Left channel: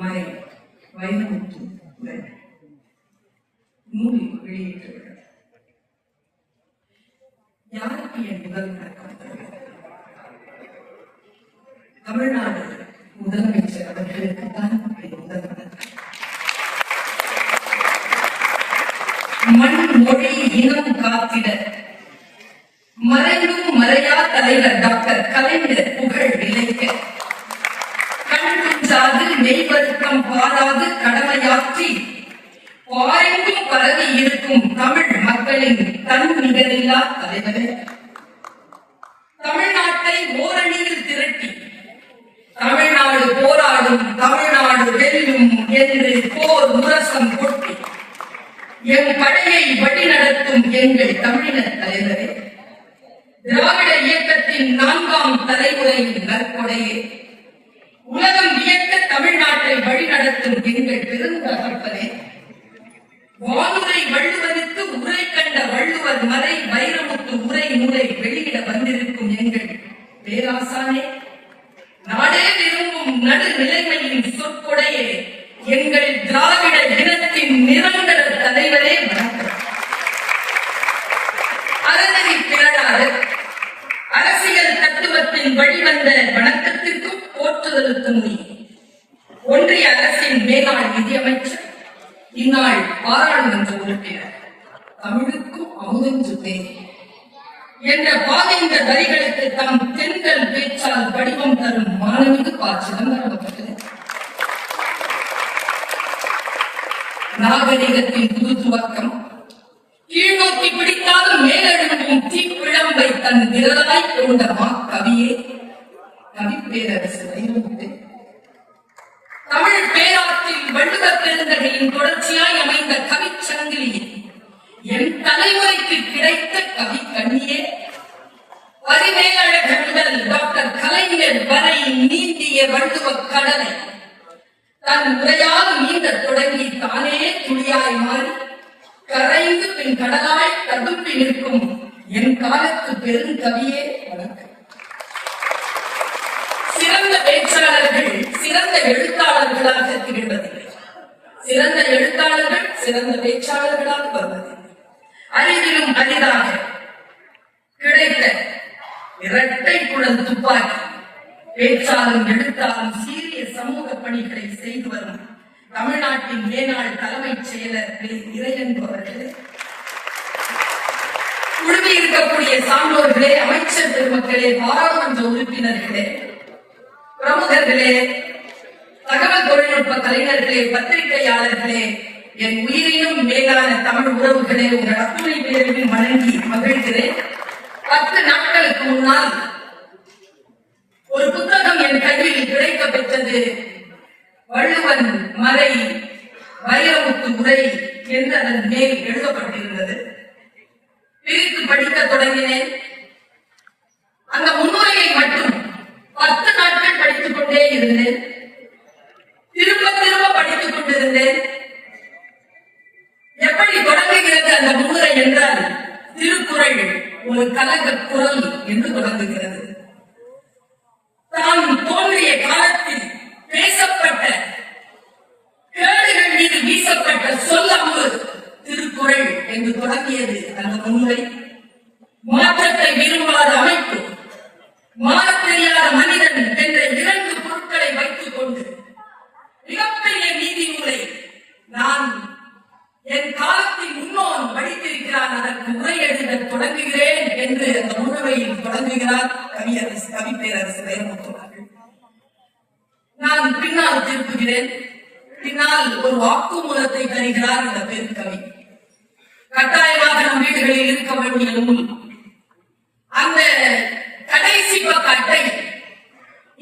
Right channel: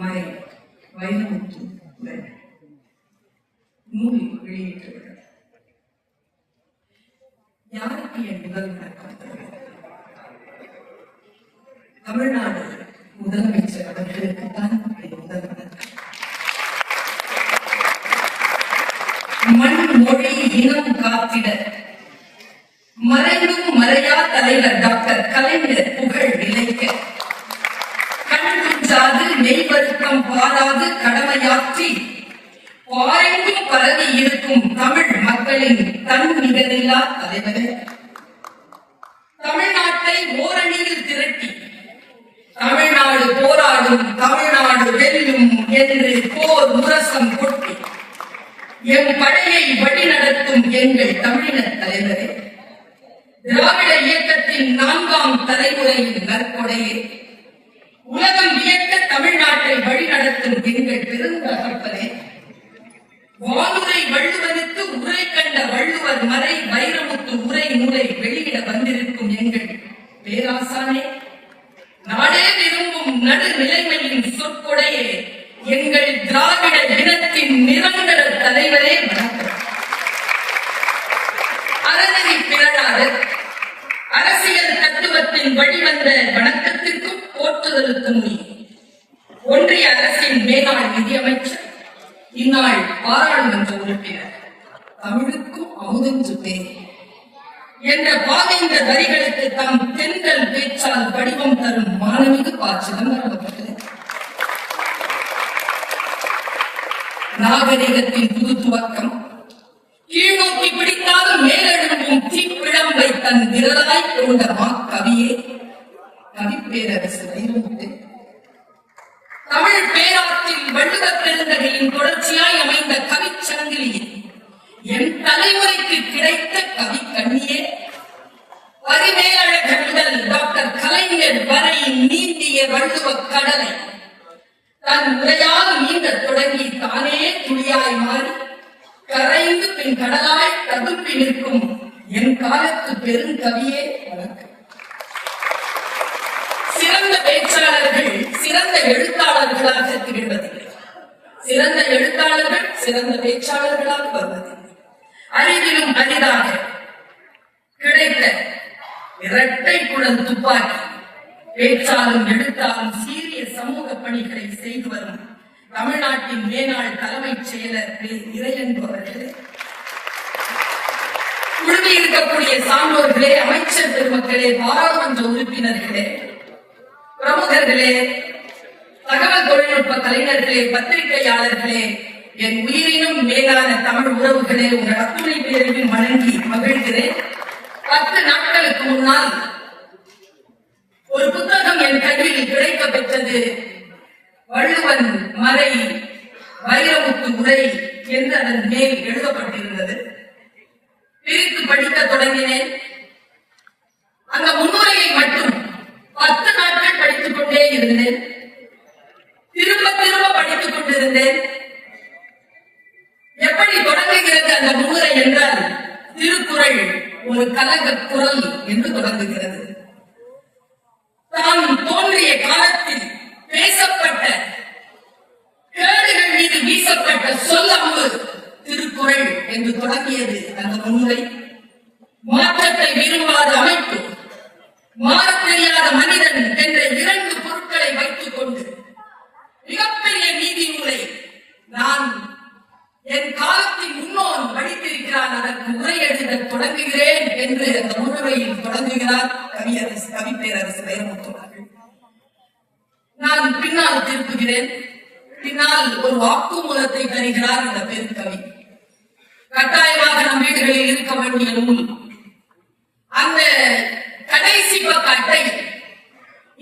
மறை வைரமுத்து நூலில் வெளியிட்டுள்ளது. யாருக்கு என் முதல் வணக்கம்? தமிழ்நாடு முதலமைச்சர் அவர்களுக்கு தான் என் முதல் வணக்கம். மண் மொழி இனம் காத்திட மறைந்தும் மறையா தலைவர் டாக்டர் கலைஞர் புகழ் நிலைக்க கண்குஞ்சாது மெய்வருக்கம் பாராது கடமையாற்றி. பாரெங்கும் பரவி இருக்கும் தமிழ் மக்களின் தன் நிகரில்லா தலைவரே. தமிழ்நாட்டை ஓரணியில் திரட்டி தமிழ்நாடு போராடும் தமிழ்நாடு வெல்லும் என்று போர் முரசம் கொட்டி எம் படையை வழிநடத்தும் எங்கள் தமிழர் தலைவரே. திராவிட இயக்கத்தின் நான்காம் தலைமுறையின் நற்கொடையே உலகம் இயக்க தமிழ்நாட்டை வழிநடத்தும் எங்கள் பெருந்தகப்பனே வானுரை வள்ளுவனுக்கு உரை கண்ட வள்ளுவர் மலை வைரமுத்து உரை நூலை வெளியிட வந்திருக்கும் எங்கள் பேராசானே. நாடே விரும்பும் நடுநிலைமையின் சொற்கொடையே எங்கள் திராவிட இனத்தின் நிரந்தர தலைவரே அறநெறி பேராளர் அரசியல் தத்துவத்தின் வழிவந்த வணக்கத்திற்கும் போற்றுதலுக்கும் நீ ஒன்றிய அரசின் மேலாண் நிதியமைச்சர் இந்நாள் பாராளுமன்ற உறுப்பினர். தமிழுக்கும் அமுதற்று பேர் என்ற பாதைந்த வரிகளுக்கு தாம் தென்றல் பேச்சால் வடிவம் தரும் மாணவிகு பா. சிதம்பரம் அவர்களே நாகரிகத்தின் புது துவக்கம் கீழ்நோக்கி பிடித்தாலும் மேலெழும்பும் தீப்பிழம்பை தன் விரலாய் கொண்ட மா கவியே கவிப்பேரரசு வைரமுத்து தமிழ் பேராற்றில் வள்ளுவ பெருந்தகையின் தொடர்ச்சியாய் அமைந்த கவிச்சங்கிலியில் என் தலைமுறைக்கு கிடைத்த கவி கண்ணியே பரிமேலழகர் முதல் டாக்டர் கலைஞர் வரை நீந்திய வள்ளுவ கடலை தன் உரையால் நீந்த தொடங்கி தானே துளியாய் மாறி கரைந்து பின் கடலாய் ததும்பி நிற்கும் என் காலத்து பெருங்கவியே. வணக்கம் சிறந்த பேச்சாளர்கள் சிறந்த எழுத்தாளர்களாக திகழ்வதில்லை. சிறந்த எழுத்தாளர்கள் சிறந்த பேச்சாளர்களாக வருவதில்லை. அறிவிலும் அரிதாக கிடைத்த இரட்டை குளம் துப்பாக்கி பேச்சாலும் எழுத்தாலும் சீரிய சமூக பணிகளை செய்து வரும் தமிழ்நாட்டின் மேனாள் தலைமைச் செயலர் திரு இறையன்பு குழுமி இருக்கக்கூடிய சான்றோர்களே அமைச்சர் பெருமக்களே பாராளுமன்ற உறுப்பினர்களே பிரமுகர்களே தகவல் தொழில்நுட்ப கலைஞர்களே பத்திரிகையாளர்களே என் உயிரினும் மேலான தமிழ் உறவுகளே உங்கள் அத்துணை பேரையும் வணங்கி மகிழ்கிறேன். பத்து நாட்களுக்கு முன்னால் ஒரு புத்தகம் என் கையில் கிடைக்க பெற்றது வள்ளுவன் மறை வைரமுத்து உரை என்று அதன் மேல் எழுதப்பட்டிருந்தது. பிரித்து படிக்க தொடங்கினேன். evidente இருக்கும் அந்த கடைசி பக்க அட்டை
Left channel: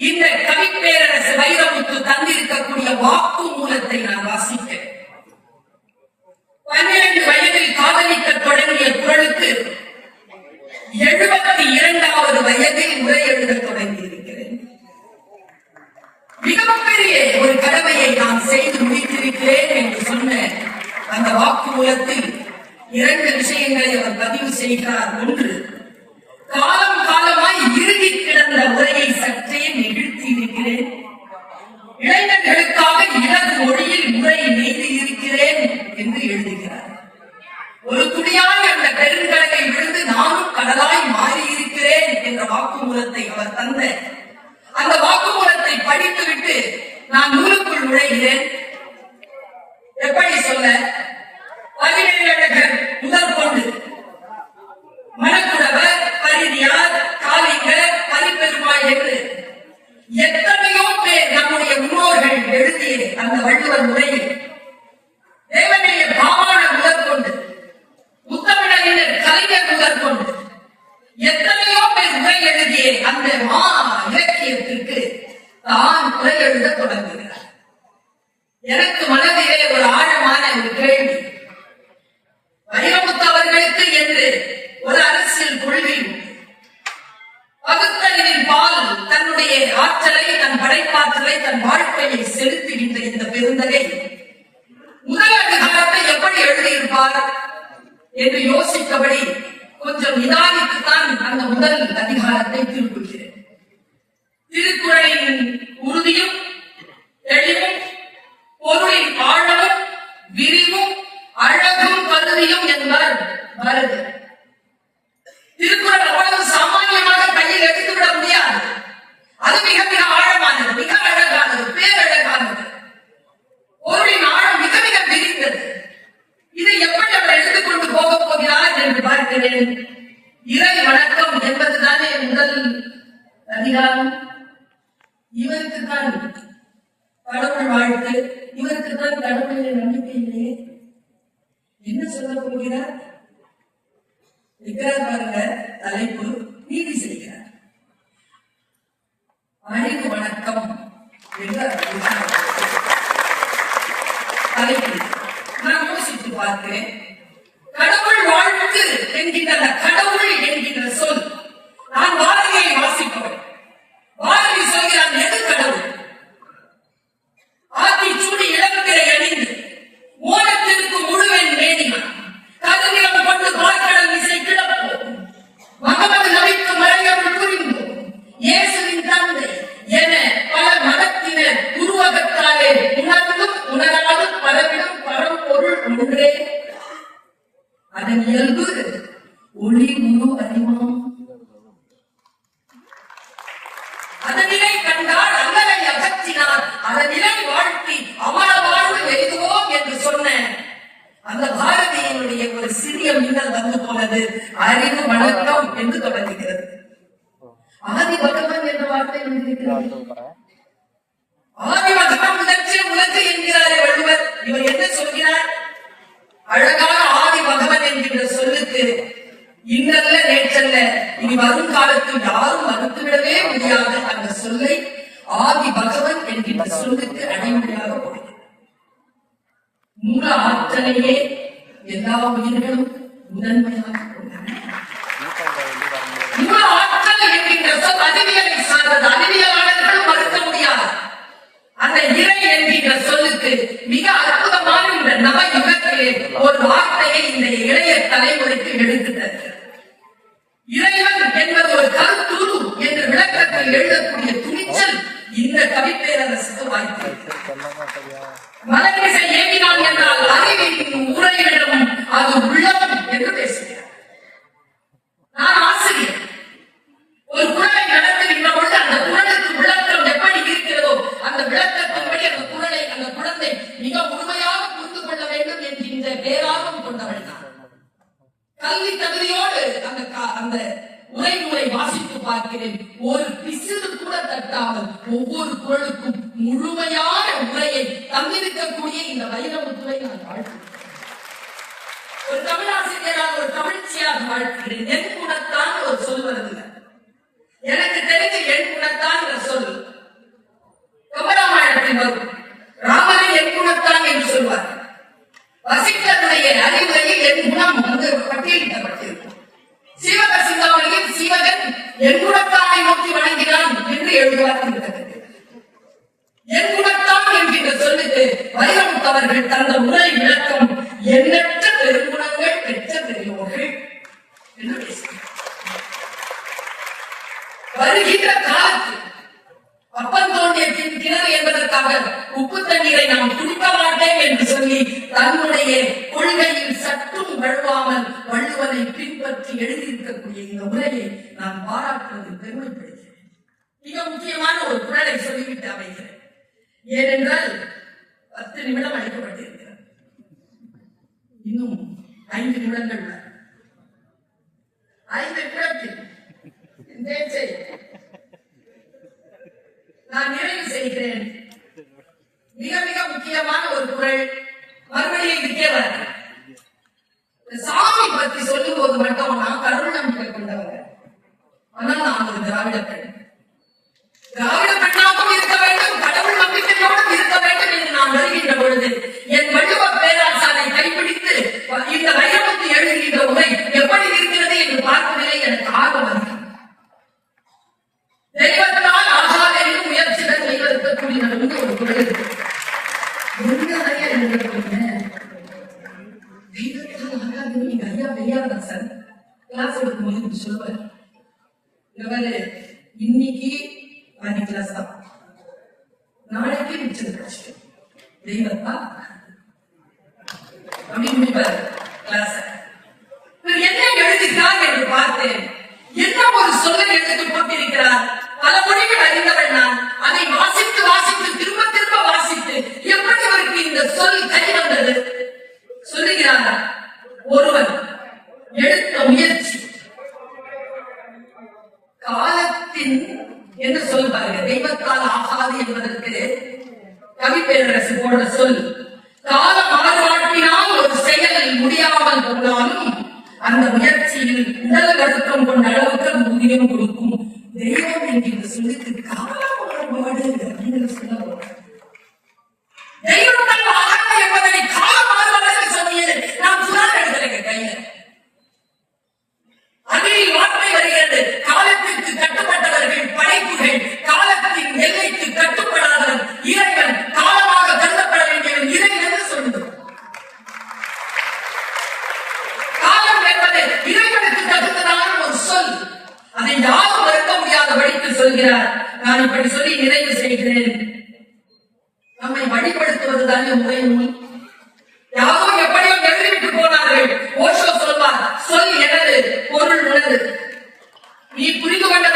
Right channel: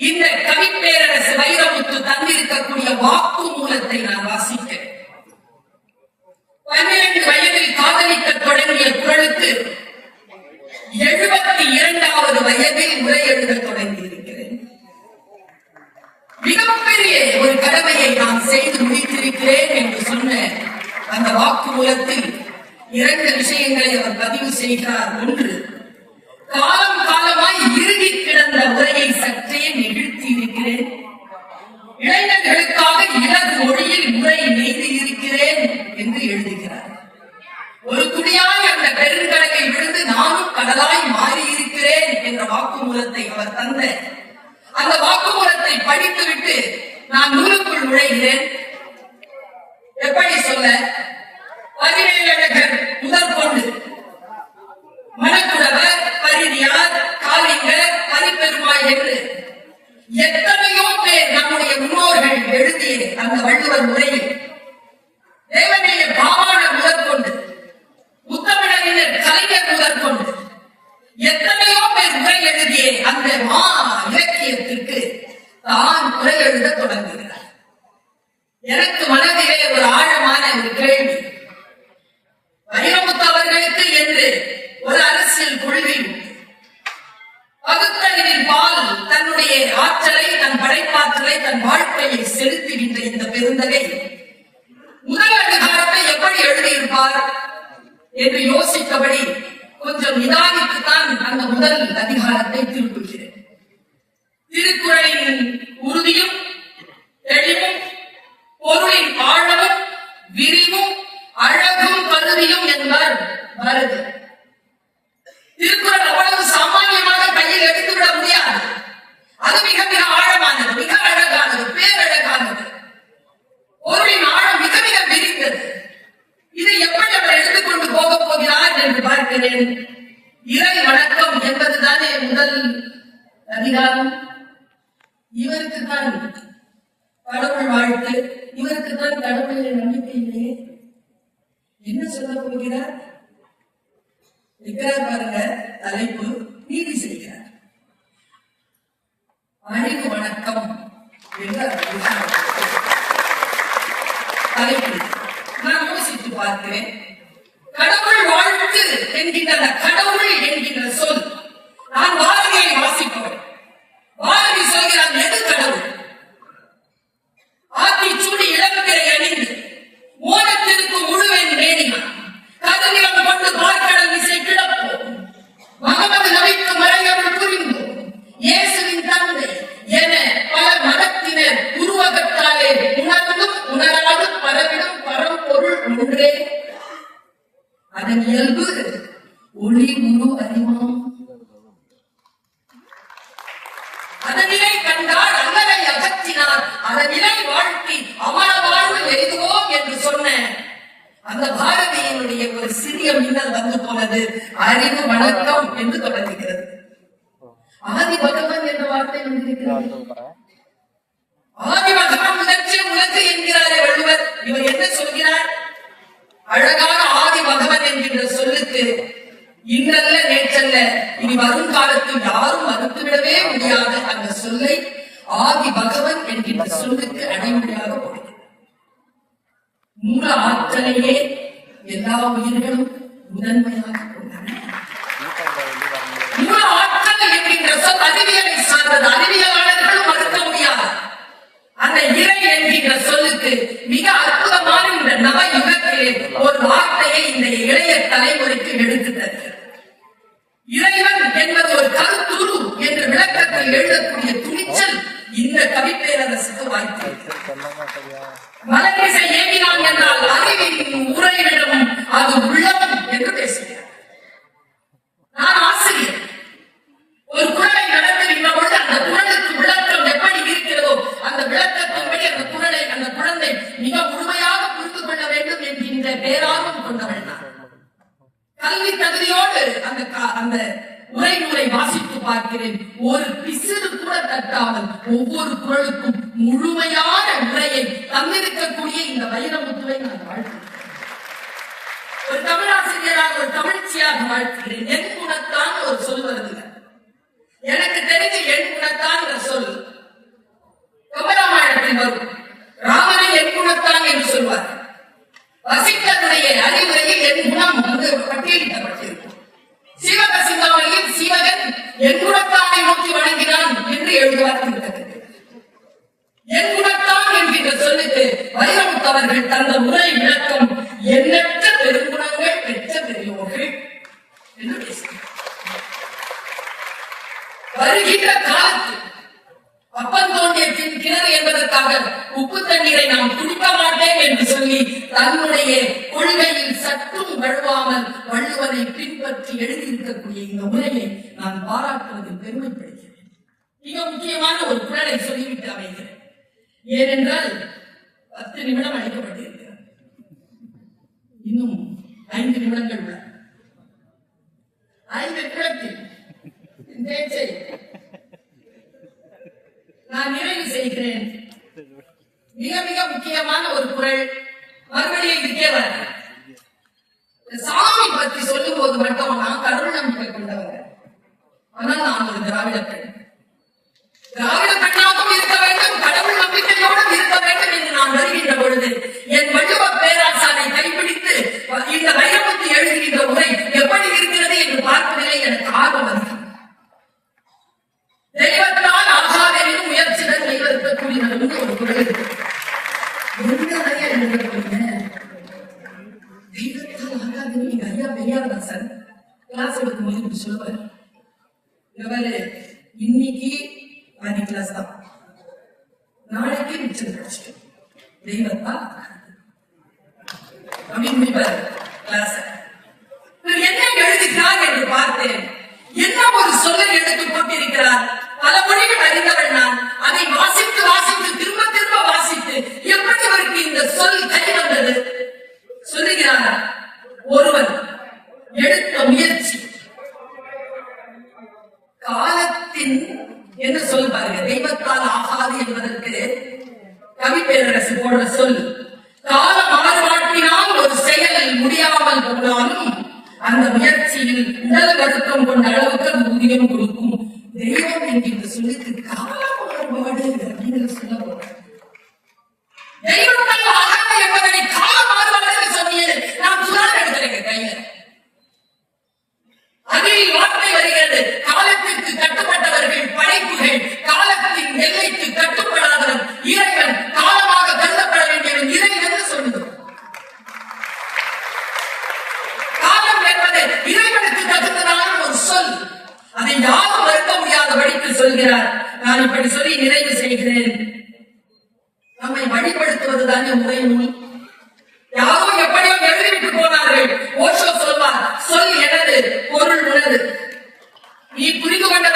இந்த கவிப்பேரரசு வைரமுத்து தந்திருக்கக்கூடிய வாக்கு மூலத்தை நான் வாசித்தேன். பன்னிரண்டு வயதில் காதலிக்க தொடங்கிய குரலுக்கு எழுபத்தி இரண்டாவது வயதில் உரை எழுத தொடங்கியிருக்கிறேன் மிகப்பெரிய ஒரு கடமையை நான் செய்து முடித்திருக்கிறேன் என்று சொன்ன அந்த வாக்கு மூலத்தில் இரண்டு விஷயங்களை அவர் பதிவு செய்கிறார் பாரதியம் என்பார். பாரதி. என்ன சொல்ல போகிறார்? இருக்கிறார் பாருங்க தலைப்பு நீதி செய்கிறார் அழகு வணக்கம் தலைப்பு நான் யோசித்து பார்க்கிறேன். கடவுள் வாழ்த்து என்கின்ற கடவுள் என்கின்ற சொல் நான் வாழ்க்கையை வாசிப்பவன். வாழ்க்கை சொல்கிறான் எது கடவுள்? ஆத்தி சூடி இளவக்கரை அணிந்து கலந்து போனது அறிவு வணக்கம் என்று தொடங்குகிறது. ஆதி பகவான் என்ற வார்த்தை வந்திருக்கிறார் ஆதி பகவான் முதற்று உலகு என்கிறாரே வள்ளுவர். இவர் என்ன சொல்கிறார்? அழகான ஆதி பகவான் என்கின்ற சொல்லுக்கு இன்றல்ல நேற்றல்ல இனி வரும் காலத்தில் யாரும் மறுத்துவிடவே முடியாத அந்த சொல்லை ஆதி பகவன் என்கின்ற சொல்லுக்கு அடிமொழியாக கொடுக்கிறது மூல ஆற்றலையே எல்லா உயிர்களும் அறிவியலை சார்ந்தது அறிவியலாளர்களும் அந்த இறை என்கின்ற சொல்லுக்கு மிக அற்புதமான நவ யுகத்திலே ஒரு வார்த்தையை தலைமுறைக்கு எடுத்து தருகிறது இறைவன் என்பது என்று விளக்கத்தை எழுதக்கூடிய துணிச்சல் இந்த கவிப்பேரரசுக்கு வாய்த்திருக்கிறது மலரிசை ஏகினான் என்றால் அறிவின் உரையிடம் அது ஏனென்றால் பத்து நிமிடம் அளிக்கப்பட்டிருக்கிறது இன்னும் ஐந்து நிமிடங்கள் ஐந்து நிமிடத்தில் நான் நிறைவு செய்கிறேன். மிக மிக முக்கியமான ஒரு குரல் மறுபடியை விற்கிறவர் சாமி பற்றி சொல்லும் போது மட்டும் நான் கடவுள் நம்பிக்கை கொண்டவர் ஆனால் நான் ஒரு திராவிட பெண் திராவிட பெண் என்று சொல் பாருங்க. தெய்வத்தால் ஆகாது என்பதற்கு கவி பேரரசு போன்ற சொல். கால மலர்வாட்டினால் ஒரு செயல் முடியாமல் போனாலும் அந்த முயற்சியில் உடல் வருத்தம் கொண்ட அளவுக்கு அது ஊதியம் கொடுக்கும். தெய்வம் என்கின்ற சொல்லுக்கு கால மாறுபாடு அப்படின்னு சொல்ல போறோம் தெய்வத்தால் ஆகாது என்பதனை கால மாறுபாடு சொன்னியது நான் சுதா எடுத்திருக்கேன் கையில. அதில் வார்த்தை வருகிறது.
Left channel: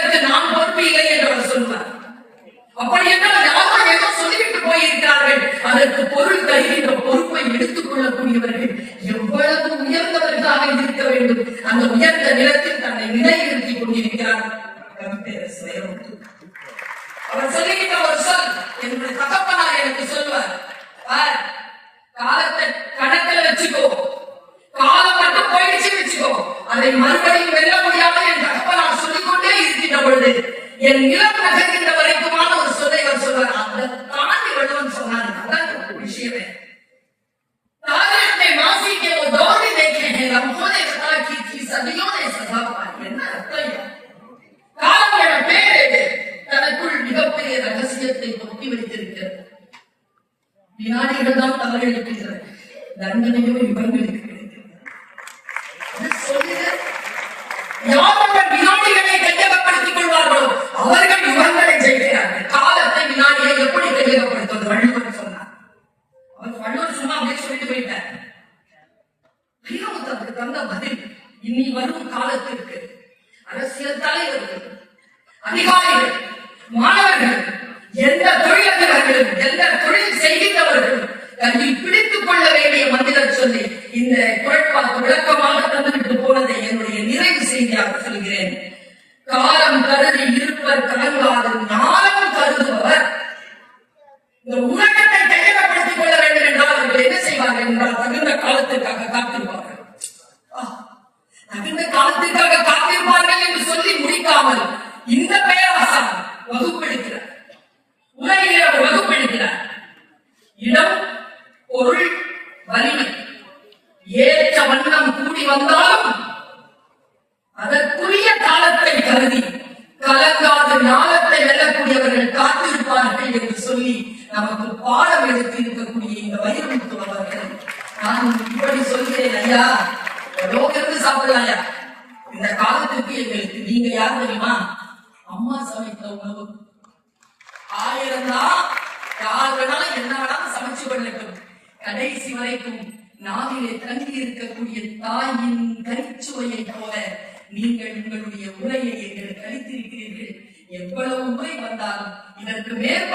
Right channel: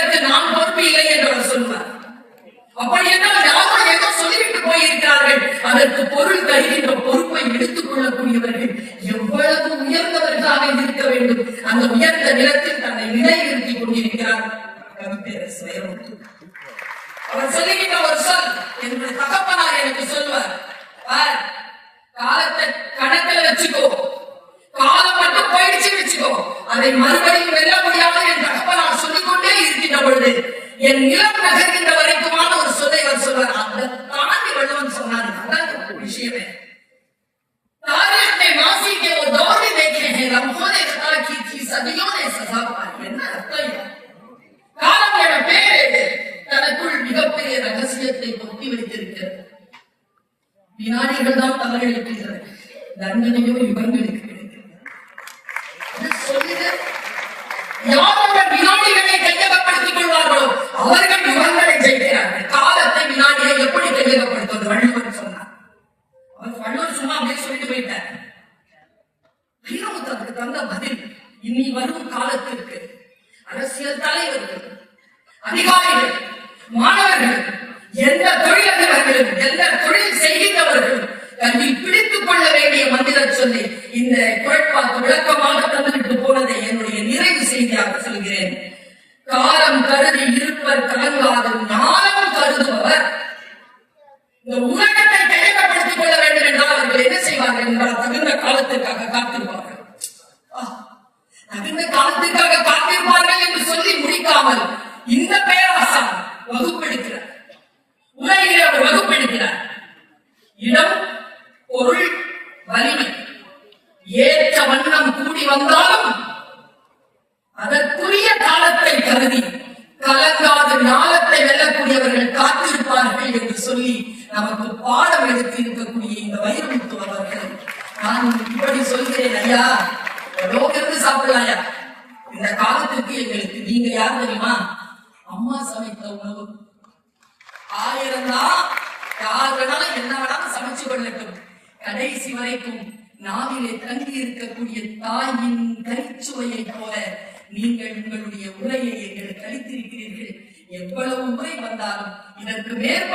இறைவனுக்கு நான் பொறுப்பு இல்லை என்று அவர் அப்படி அப்படியென்றால் யாரோ ஏதோ சொல்லிட்டு போயிருக்கிறார்கள். அதற்கு பொருள் தருகின்ற பொறுப்பை எடுத்துக் கொள்ளக்கூடியவர்கள் எவ்வளவு உயர்ந்தவர்களாக இருக்க வேண்டும். அந்த உயர்ந்த நிலத்தில் தன்னை நிலைநிறுத்திக் கொண்டிருக்கிறார் யாரவர் வினாடிகளை கையகப்படுத்திக் கொள்வார்களோ? அவர்கள் யுகங்களை செய்கிறார்கள். காலத்தை வினாடியை எப்படி கையகப்படுத்துவது வள்ளுவர் சொன்னார். செய்தியாக சொல்கிறேன். காலம் கருதி இருப்பர் கலங்களாது நாளம் கருதுபவர். இந்த உலகத்தை கையகப்படுத்திக் கொள்ள வேண்டும் என்றால் அவர்கள் என்ன செய்வார்கள் என்றால் தகுந்த காலத்திற்காக காத்திருப்பார்கள். தகுந்த காலத்திற்காக காத்திருப்பார்கள் என்று சொல்லி முடிக்காமல் இந்த É, primeiro